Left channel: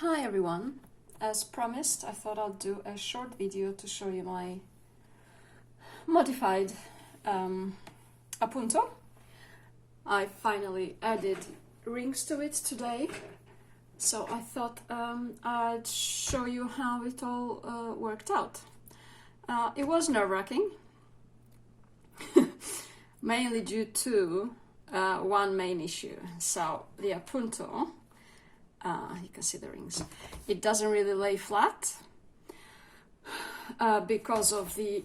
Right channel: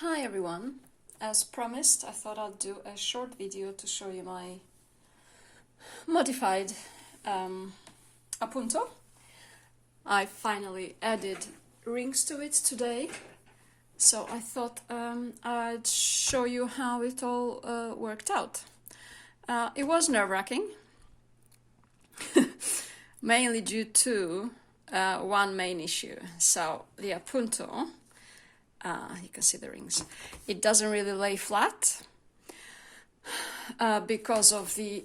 Hi everyone, as promised I thought I'd do a short video to show you my modified Appunto. I finally added rings to it today, so I thought I'd show you how it all worked out. It was nerve-wracking, mainly due to one main issue. So the Appunto, you can see the rings, it doesn't really lay flat because of the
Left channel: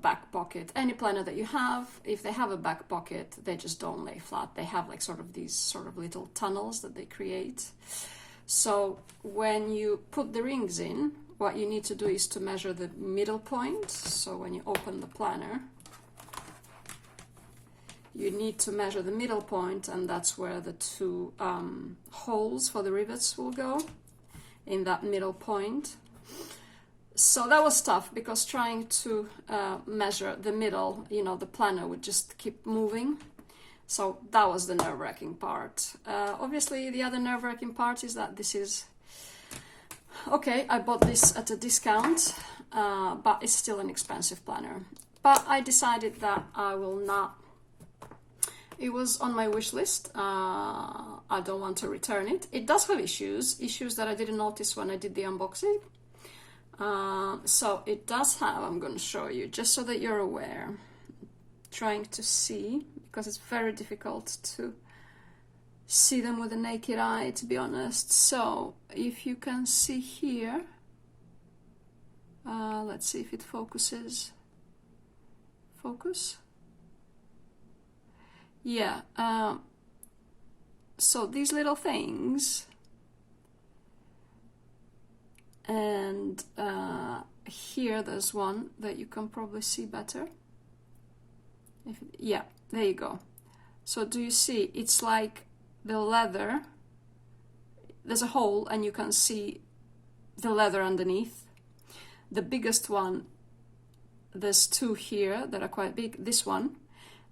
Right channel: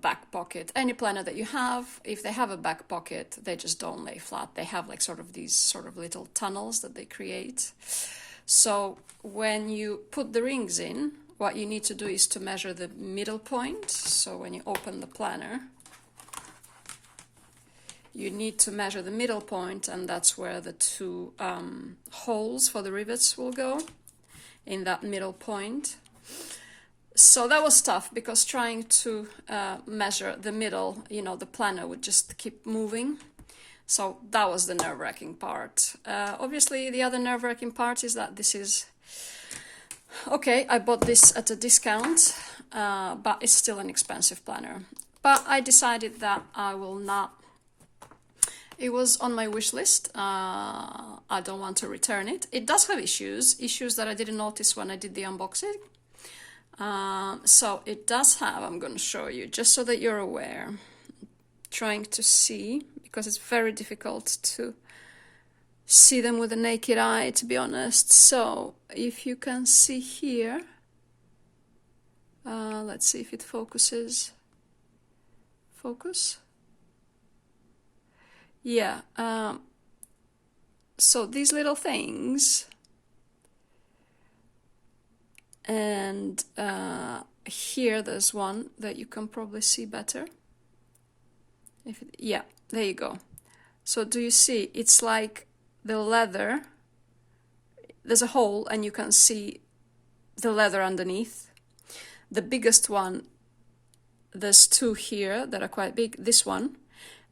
back pocket. Any planner that you have, if they have a back pocket, they just don't lay flat. They have like these little tunnels that they create. So when you put the rings in, what you need to do is to measure the middle point. So when you open the planner, you need to measure the middle point, and that's where the two holes for the rivets will go, in that middle point. So that was tough, because trying to measure the middle, the planner would just keep moving. So that was the nerve-wracking part. Obviously, the other nerve-wracking part is that this is... Okay, I bought this at a discount, but it's still an expensive planner. But I decided that I will not... It was on my wish list. I don't want to return it. It does have issues that I didn't notice when I did the unboxing. So it does have, I'm going to show you, just so that you're aware. Trying to see, because it's very difficult to see them with the naked eye, to be honest. So if you can see here, let's see if it focuses. Focus. Yeah, so these little things, and here there's one that you can probably see better. Yeah, there you go. So do you see? It's like the leather, there's a hole and you can see the leather underneath. The biggest one, there's two here that are quite big. This one.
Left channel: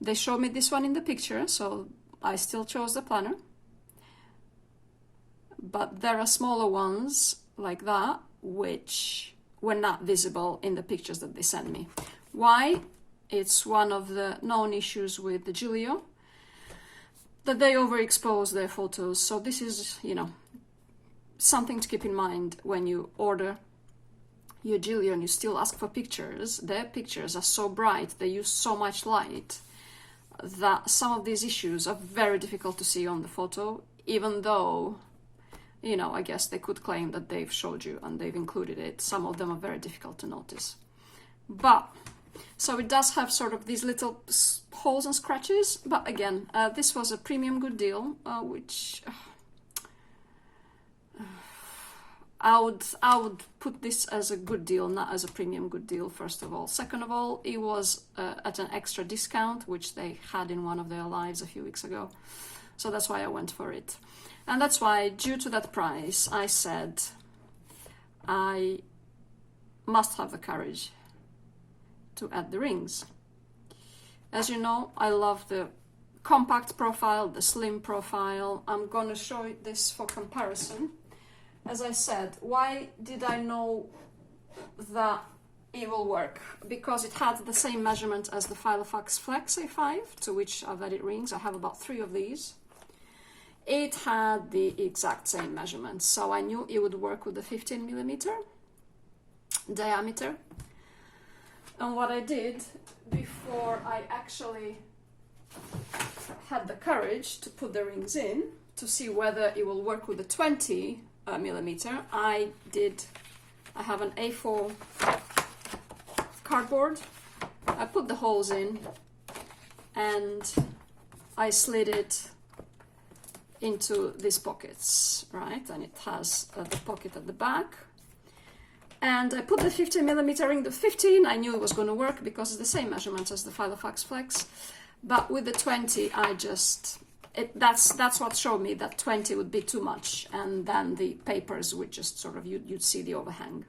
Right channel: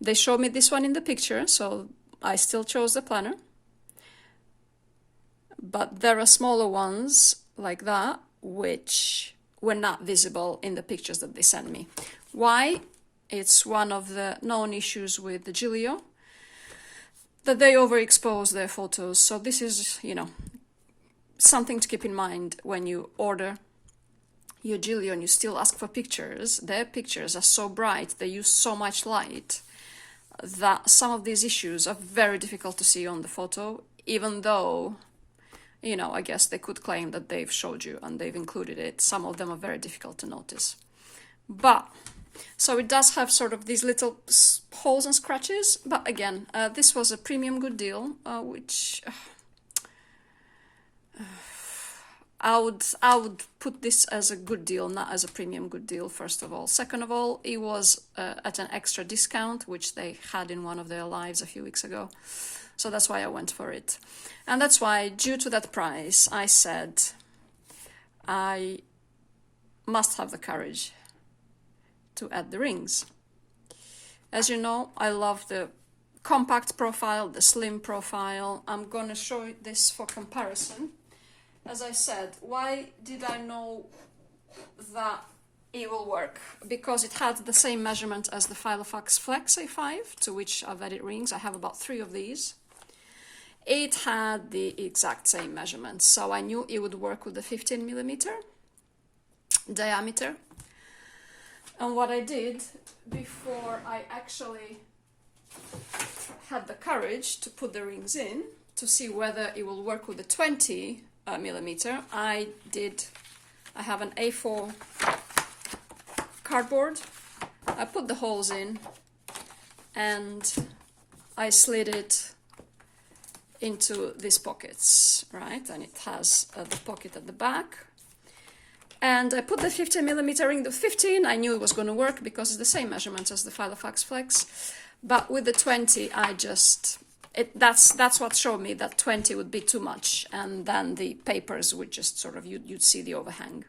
They showed me this one in the picture, so I still chose the planner. But there are smaller ones like that, which were not visible in the pictures that they sent me. Why? It's one of the known issues with the Gillio, that they overexpose their photos. So this is, something to keep in mind when you order your Gillio and you still ask for pictures. Their pictures are so bright, they use so much light, that some of these issues are very difficult to see on the photo, even though, I guess they could claim that they've showed you and they've included it. Some of them are very difficult to notice. But, so it does have these little holes and scratches, but again, this was a premium good deal, which... I would put this as a good deal, not as a premium good deal, first of all. Second of all, it was at an extra discount, which they had in one of their lives a few weeks ago. So that's why I went for it. And that's why, due to that price, I said I must have the courage to add the rings. As you know, I love the compact profile, the slim profile. I'm going to show you this for comparison. As I said, why did I know that it will work? Because it had the same measurement as the Filofax Flex A5, to which I've added rings. I have about 3 of these. It had the exact same measurements, so I knew it would work with the 15mm diameter. And what I did before I actually had the courage to put the rings in, to see whether it will work with the 20mm, I have an A4 cardboard. I put the holes in and I slid it into these pockets, right? And it has the pocket at the back. And I put the 15mm ring, the 15, I knew it was going to work because it's the same measurements as the Filofax Flex. But with the 20, I just... that's what showed me that 20 would be too much, and then the papers would just you'd see the overhang.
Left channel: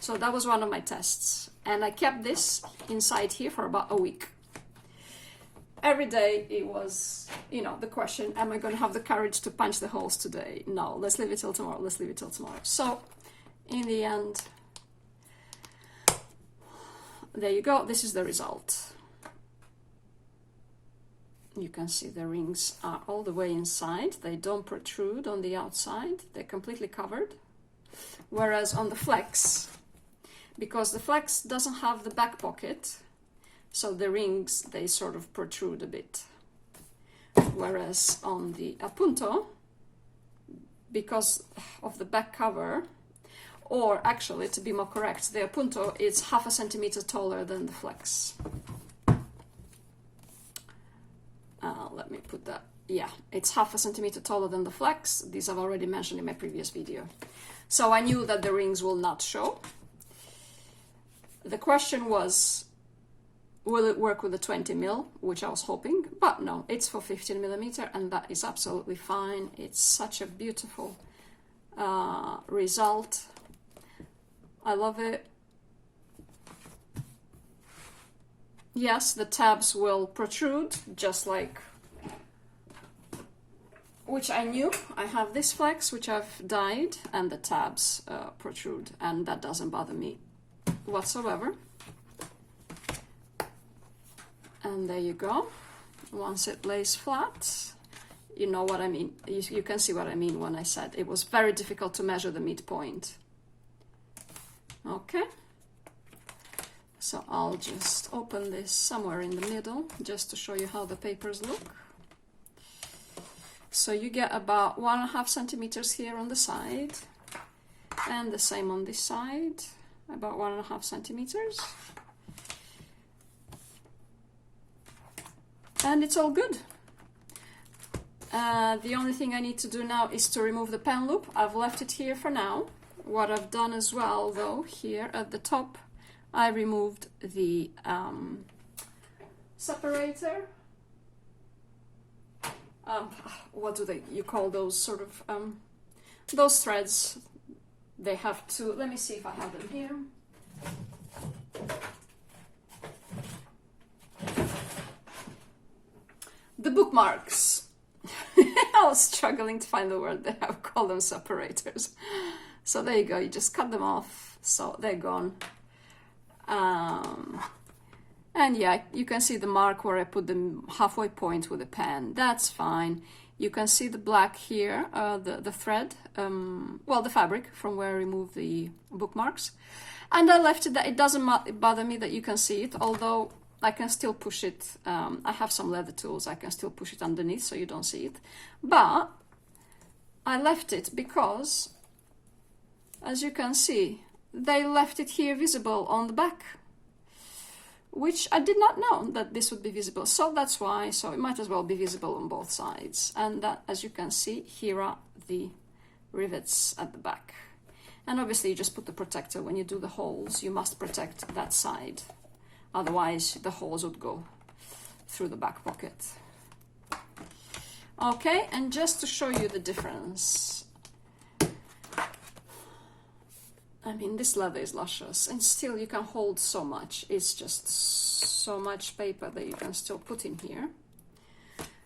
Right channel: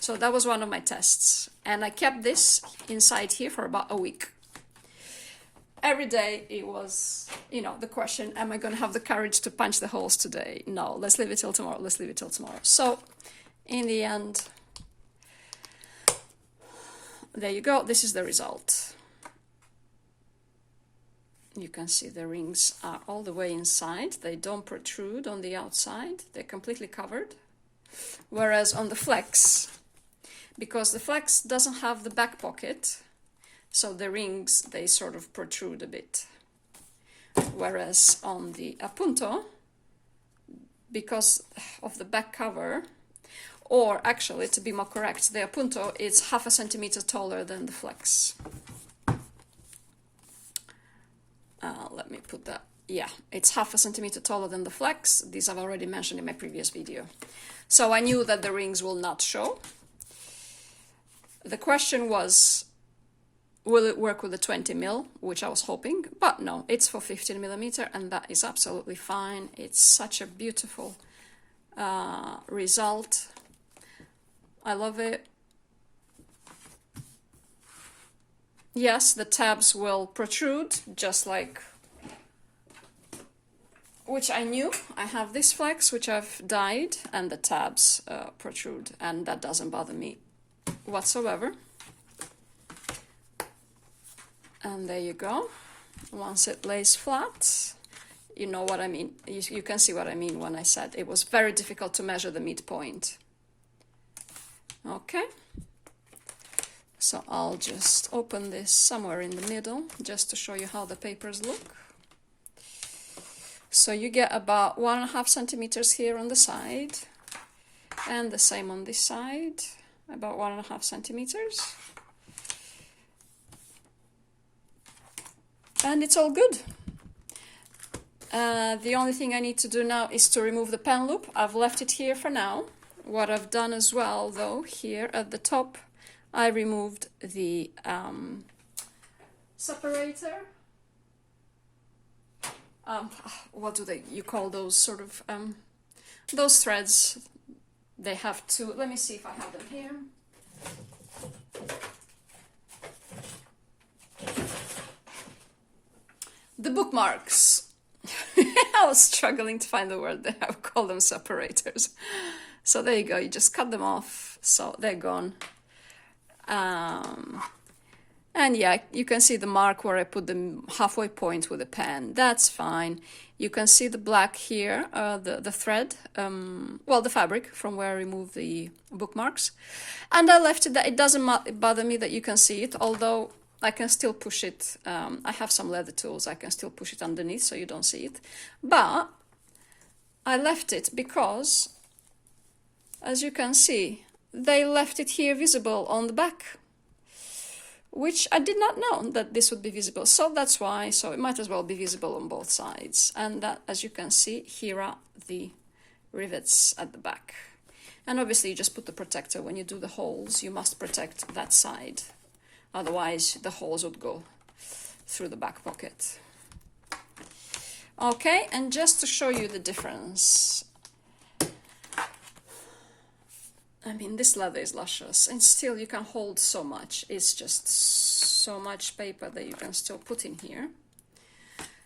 So that was one of my tests, and I kept this inside here for about a week. every day it was, you know, the question, am I going to have the courage to punch the holes today? No, let's leave it till tomorrow. Let's leave it till tomorrow. So in the end, there you go. This is the result. You can see the rings are all the way inside. They don't protrude on the outside. They're completely covered. Whereas on the flex, because the flex doesn't have the back pocket, so the rings, they sort of protrude a bit. Whereas on the Appunto, because of the back cover, or actually, to be more correct, the Appunto is 0.5 centimeter taller than the flex. Let me put that. Yeah, it's 0.5 centimeter taller than the flex. These I've already mentioned in my previous video. So I knew that the rings will not show. The question was, will it work with a 20 mil, which I was hoping, but no, it's for 15 millimeter, and that is absolutely fine. It's such a beautiful result. I love it. Yes, the tabs will protrude, just like, which I knew. I have this flex, which I've dyed, and the tabs protrude, and that doesn't bother me whatsoever. And there you go. Once it lays flat, you know what I mean. You can see what I mean when I said it was very difficult to measure the midpoint. Okay. So I'll just open this somewhere in the middle, just to show you how the papers look. So you get about 1.5 centimeters here on the side, and the same on this side, about 1.5 centimeters. And it's all good. The only thing I need to do now is to remove the pen loop. I've left it here for now. What I've done as well, though, here at the top, I removed the separator. What do you call those sort of, those threads? They have to, let me see if I have them here. The bookmarks. I was struggling to find the word that I would call them separators. So there you go, you just cut them off, so they're gone. And yeah, you can see the mark where I put the halfway point with a pen. That's fine. You can see the black here, the thread, well, the fabric from where I removed the bookmarks. And I left it that it doesn't bother me that you can see it, although I can still push it. I have some leather tools. I can still push it underneath so you don't see it. But I left it because, as you can see, they left it here visible on the back, which I did not know that this would be visible. So that's why, so it might as well be visible on both sides. And that, as you can see, here are the rivets at the back. And obviously you just put the protector. When you do the holes, you must protect that side. Otherwise, the holes would go through the back pocket. Okay, and just to show you the difference, I mean, this leather is luscious, and still you can hold so much. It's just so much paper that you can still put in here.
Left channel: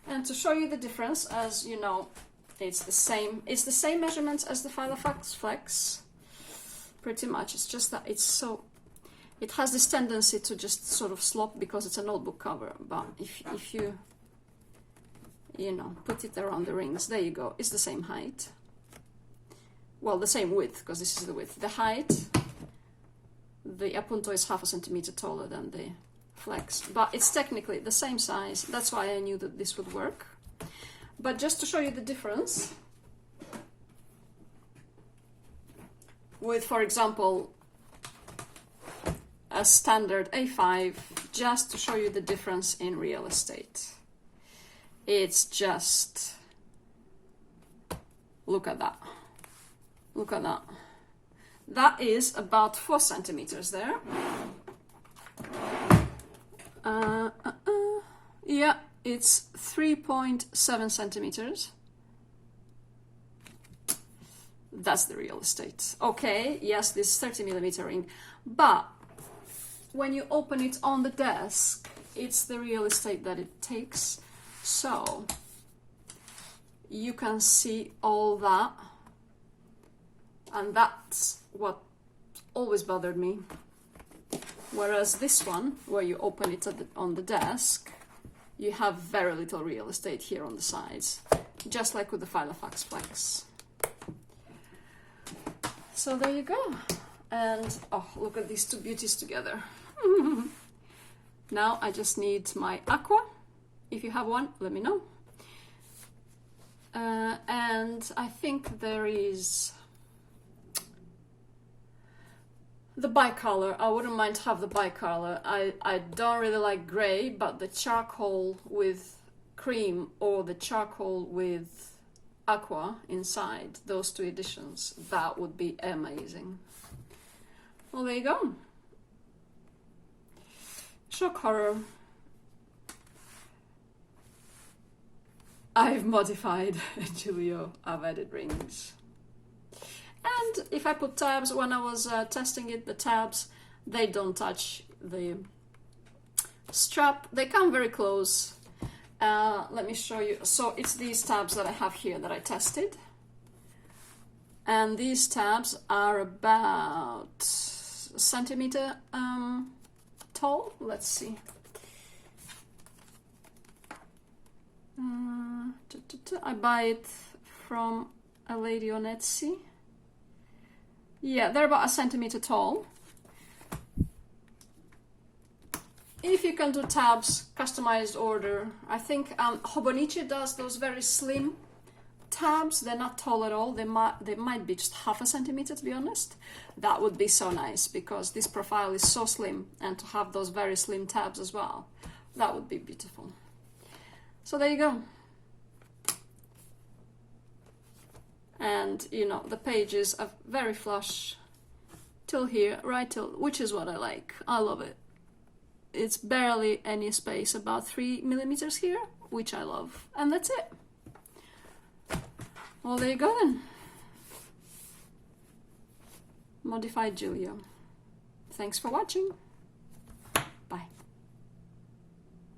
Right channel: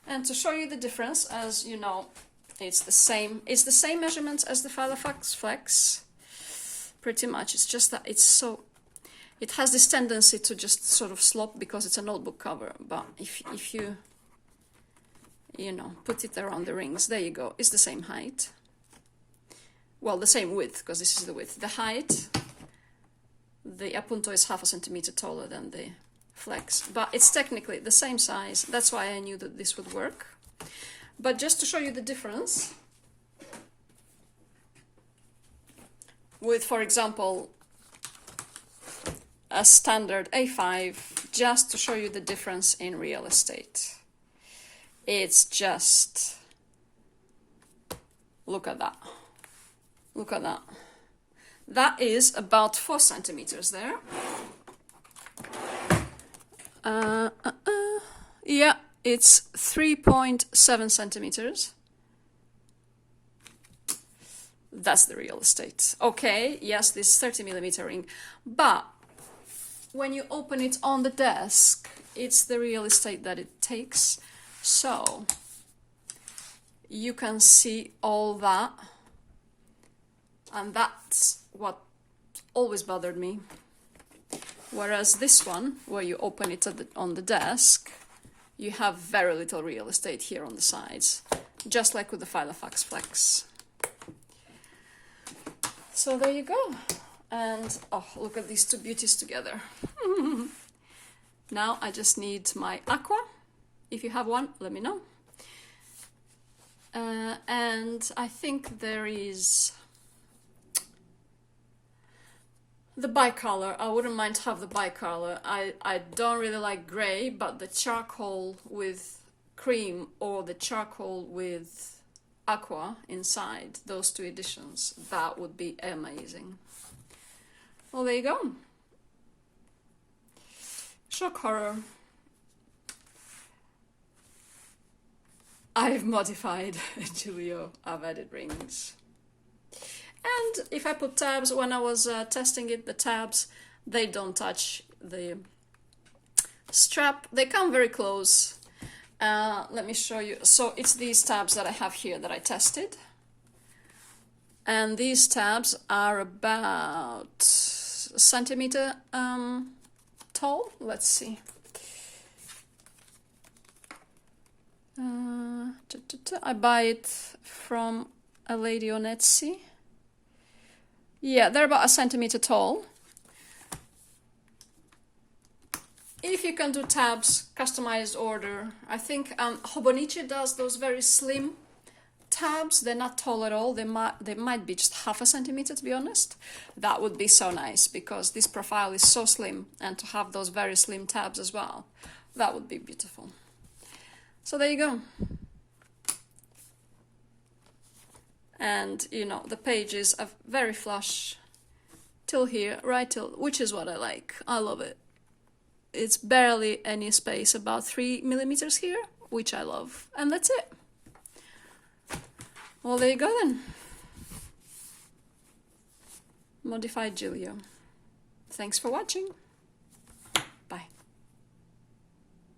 And to show you the difference, as you know, it's the same measurements as the Filofax Flex, pretty much. It's just that it's so, it has this tendency to just sort of slop because it's a notebook cover. But if you know, put it around the rings, there you go, it's the same height. Well, the same width, because this is the width. The height, the Appunto is 0.5 centimeter taller than the Flex, but it's technically the same size. That's why I knew that this would work. But just to show you the difference, with, for example, a standard A5, just to show you the difference in real estate. It's just, look at that. Look at that. That is about 4 centimeters there. Yeah, it's 3.7 centimeters. That's the real estate. Okay, yes, this 30 millimeter ring. But when you open it on the desk, it's the real estate that it takes. So you can see all that, and that's what always bothered me. Whereas this one, where you open it on the desk, you have very little real estate here on the sides, just like with the Filofax Flex. So there you go. And oh, look at these two beauties together. Now I just need my aqua. If you have one, let me know. And I think there is the bicolor. I wouldn't mind to have the bicolor. I don't really like grey, but the charcoal with cream or the charcoal with aqua inside, those two editions, that would be amazing. Well, there you go. Shock horror. I've modified Gillio. I've added rings. And if I put tabs, when I was testing it, the tabs, they don't touch the strap. They come very close. Let me show you. So it's these tabs that I have here that I tested. And these tabs are about a centimeter tall. Let's see. I buy it from a lady on Etsy. Yeah, they're about a centimeter tall. If you can do tabs, customized order. I think Hobonichi does those very slim tabs. They're not tall at all. They might be just half a centimeter, to be honest. That would be so nice because this profile is so slim, and to have those very slim tabs as well, that would be beautiful. So there you go. And you know, the pages are very flush till here, right till, which is what I like. I love it. It's barely any space, about 3 millimeters here, which I love. And that's it. Well, there you go then. Modified Gillio. Thanks for watching.